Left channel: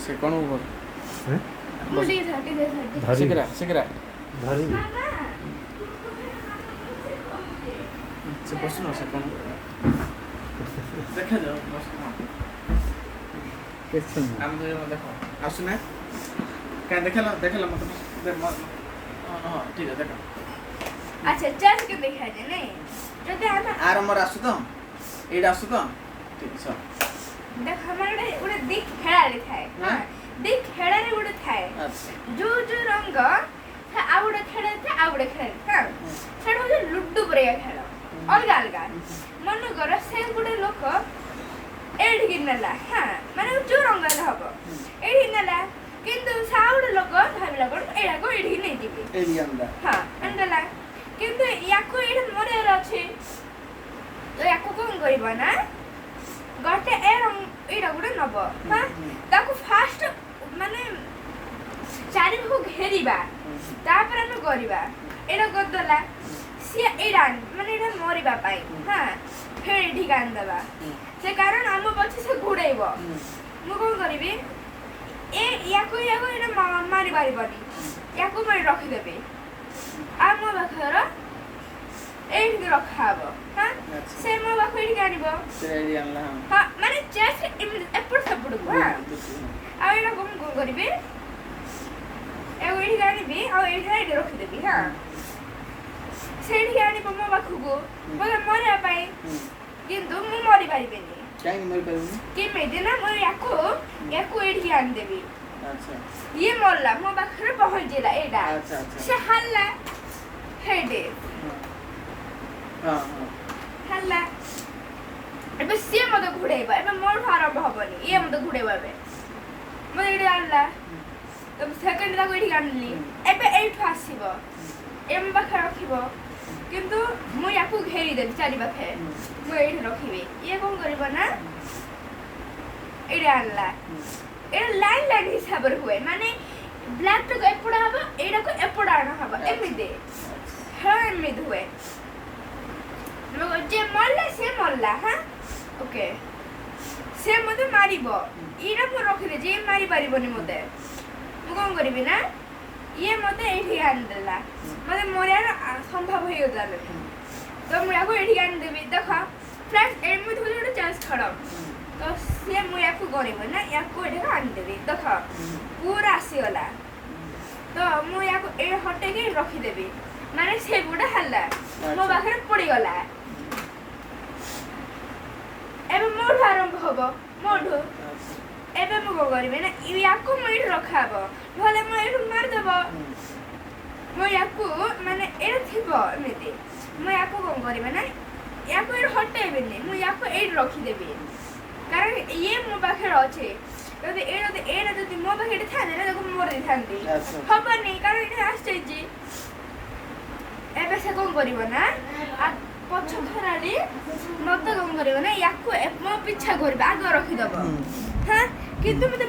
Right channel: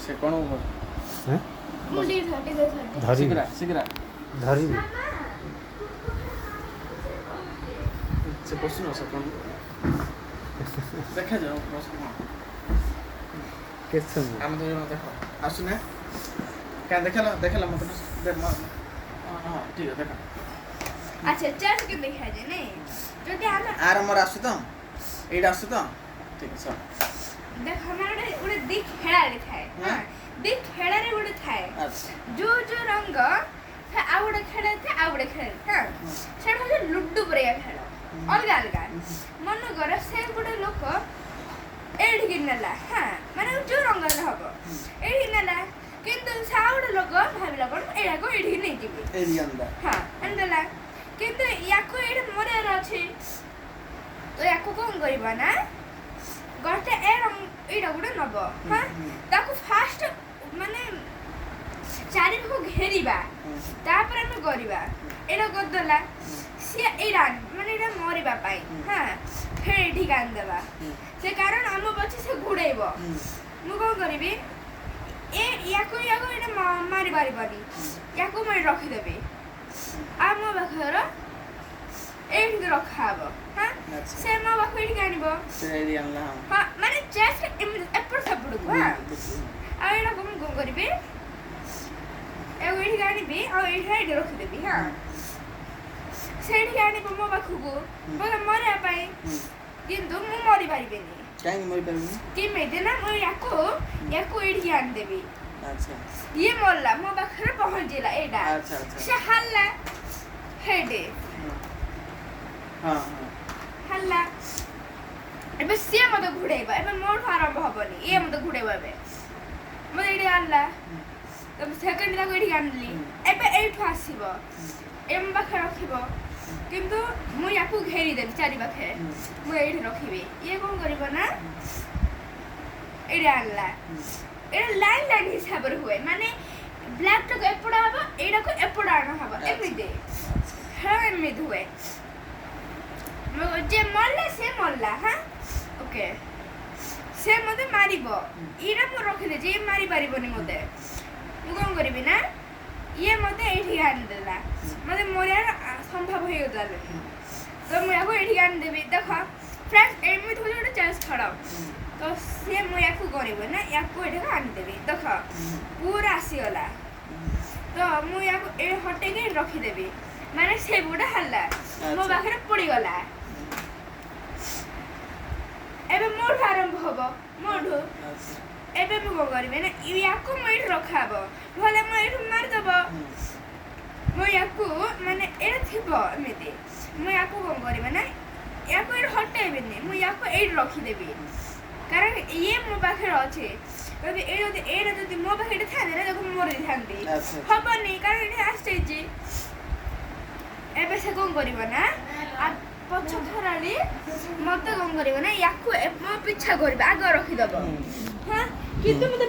से कौन ऊपर हैं धरी सिगरा सिगरा धरी से बस ना से कौन देखा जाओ बस कैसे हम तो देखो आसुना क्या देखला मतलब दे हां ठीक है देखा अच्छा चल के देखा जे नहीं जदे हम आर मोर आसु तो एडा आसु तो ठीक है देख हमारे उड़े दिख खेळारे थाए हां दिख खेळारे उड़े थाए अच्छा जो जो रंग आउड़े खेळे था आउड़े खेळे हां सेड हो लुड्डू परिया खेळ अलगा अलगा मन कर से गुडे लोक एड गिनला हां माने जो रंग हबो एडी नला किंतु साउड़ लोक भाबिला कोन एडा को एडी नै जिबे एडी अंदा हां अंदला किंतु याको एड मोरे अछि तो याको कोन करिबो ना गटे एडा गुडे नब हां ताको फास्ट माने चारि को घेरिबा तापर हम करिबा एडा गदला से एडा माने एडा मरिबा पाई हां फेर ढिकान देबा से कारण हम पछे से घुड़ैबो मु कोन करिबी ए याको एडा मारि बारी बारी याको मैं रखि देबे आ मो बखर एडी रखाबो हां से मो बखर एडी कानिबो से एडी अनला हां माने चेस एपर सपड़ को हां आ एडा को करिबे ए एडी कानिबे आ एडी रखि देबी हां सेडी कानिबो मो बखुगो बोले मरे पाई किंतु मु मरि पारिबेनी काहे मरि पारिबेनी कि मेदे ना मो याको एडी आन देबी अच्छा ये मोल्ला मो बखर पहुंच जेला एडा अच्छा अच्छा से हल्ला हेडे हां हां हल्ला एबे से मते घुड़ेबा एबे मोर आरंभ हबनी ये मते घुड़ेबा बे मते एडी आनला तब सेकंड ला कोइडी आनली एबे एट आसीबो एम बखर रखिबो किंतु मु याकू घेरी देबी चारि बखे मु एडी रखिबे ये कोन करिबो ना एडी आनला ए लाइन लाइन हिसाब रे हुए माने ब्लैक तो एपड़ा हबो एडा को एपड़ा न हबो एमिदे हां एमिद हुए मो जे मल्ला हां ओके से मते मारिबो इरा मो रखि दे जे मारि पारिबोनी मते मु कोन करिबि ना ये मते एठी आन देला मते मोरियार संभव होय जाले तो मु याको एठी आन देबी देखा फ्रेंड्स एमिद हो जोडे चांस खड़ा तो से मु याको करिबो ना याको एठी आन देबी देखा पूरा आसी गला तो मु याको ए हटे के रखि देबी माने से बुडा हल्ला मो बाखरे पड़ी गला एबे मोठ आरंभ हबो मोठो एबे मु को करिबे ना याको मु एठी रखाबो भले मु एठी मार देबो मु याको माने एटा थिबो एमिति मु याको को करिबे ना याको एठी हटेबेनी मु याको एठी रखि देबी कारण ये मो बाखरे अछि यदि एटा जदि मो बाखरे थाने ना देखो मोर दी थांती हबनी कारण एठी आछैछि एबे से कोन करिबो ना आ पछ थराडी मते कोन करिबो ना याको मो पीछा करबे आगे रखि देबो हां किंतु मते